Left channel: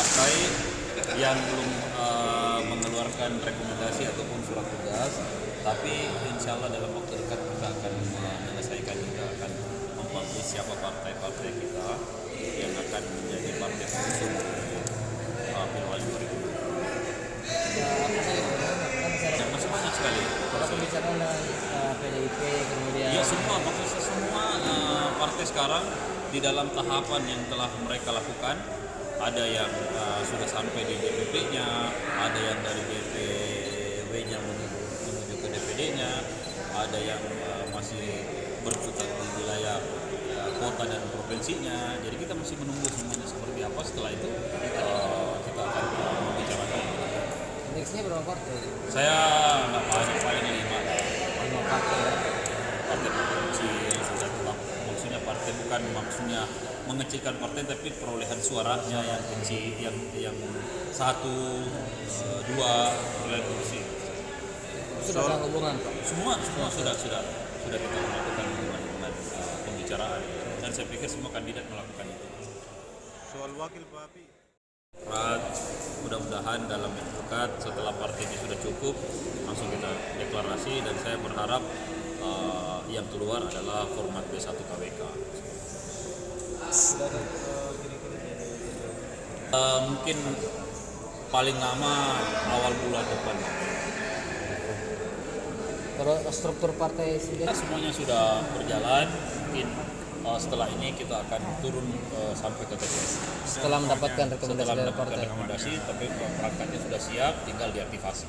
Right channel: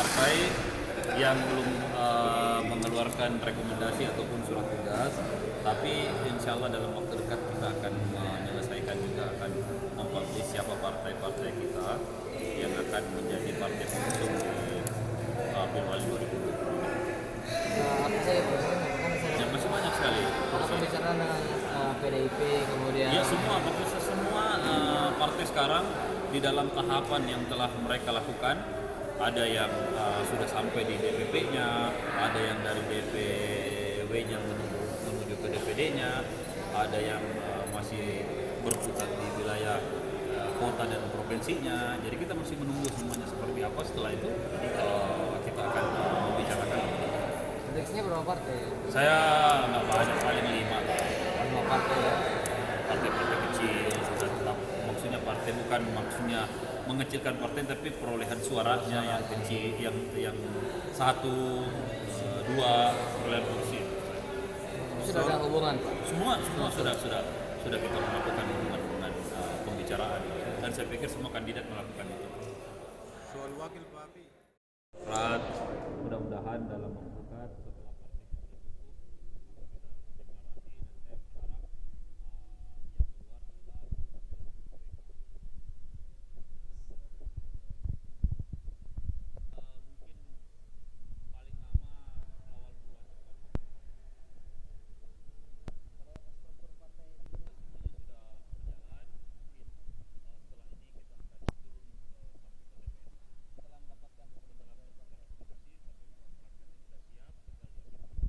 partai yang belum mengeluarkan rekomendasi ataupun surat tugas, tapi insya Allah dalam waktu dekat kita akan menyelesaikan juga, akan mempublish siapa partai-partai kita yang akan menjadi partai pengusung di Pilwali 2020. Apa saja Pak? Kan saya Ya, masih banyak sekali. ada pembicaraan dengan PDIP kemudian Ya semua, maksudnya semua partai sekarang di dalam tahapan yang telah mereka lakukan. Ada yang sudah sampai di DPP-nya, ada yang dari DPW-nya menuju ke DPD-nya, ada yang masih berkutat di wilayah kota dan provinsinya. Jadi kita masih menunggu semuanya seperti apa. Setelah itu kita akan membicarakan. indeksnya berapa partai? Saya nggak banyak, paling 5 lah. 5 partai. Partai-partai kecil sudah tetap, maksudnya partai bukan maksudnya mengecilkan partai, tapi perolehan suaranya yang kecil, yang 1, 2 perolehan kursi. Sudah ada hubungan Pak? Semua sudah kita melakukan hubungan pembicaraan, dan saya pikir semua kandidat melakukan itu. Soal wakil Bapi. Mudah-mudahan dalam waktu dekat setelah partai ini sudah cukup langsung kita deklarasi, dan saya berharap yang keluar adalah format B1 KWK. Mungkin paling lama awal bulan depan. Kalau struktur partai Kita sendiri semuanya sudah berjalan. Mungkin setelah ini kita akan turun sampai ke TPS. setelah mendapatkan rekomendasi Setelah dari mendapatkan partai. rekomendasi, tapi perangkatnya sudah siap, tinggal diaktifasi.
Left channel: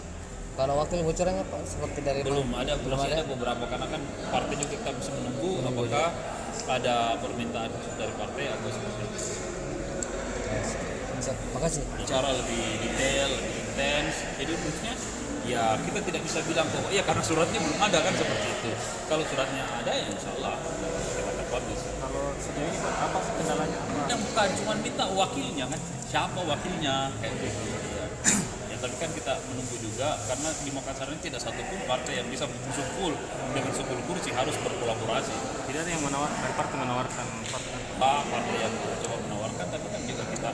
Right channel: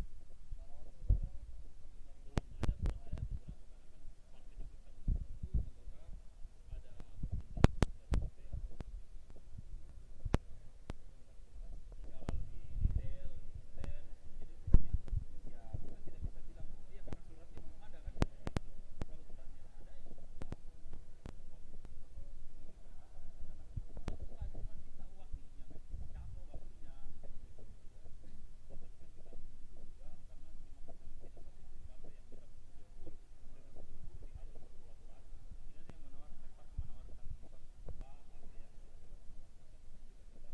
Kalau waktu bocorannya Pak seperti dari Belum ada, belum ada. beberapa, karena kan partai juga kita masih menunggu apakah ada permintaan dari partai atau seperti itu. Siap. Makasih. Bicara lebih detail, lebih intens. Jadi maksudnya ya kita tidak bisa bilang bahwa iya karena suratnya belum ada, kan seperti itu. Kalau suratnya ada ya insya Allah kita akan publish. Kalau sejauh ini Pak, apa sih kendalanya? Yang bukan cuma minta wakilnya kan, siapa wakilnya kayak gitu. Ya, tapi kan kita menunggu juga, karena di Makassar ini tidak satupun partai yang bisa mengusung full dengan 10 kursi, harus berkolaborasi. Tidak ada yang dari partai menawarkan partai. Partai yang coba menawarkan, tapi kan juga kita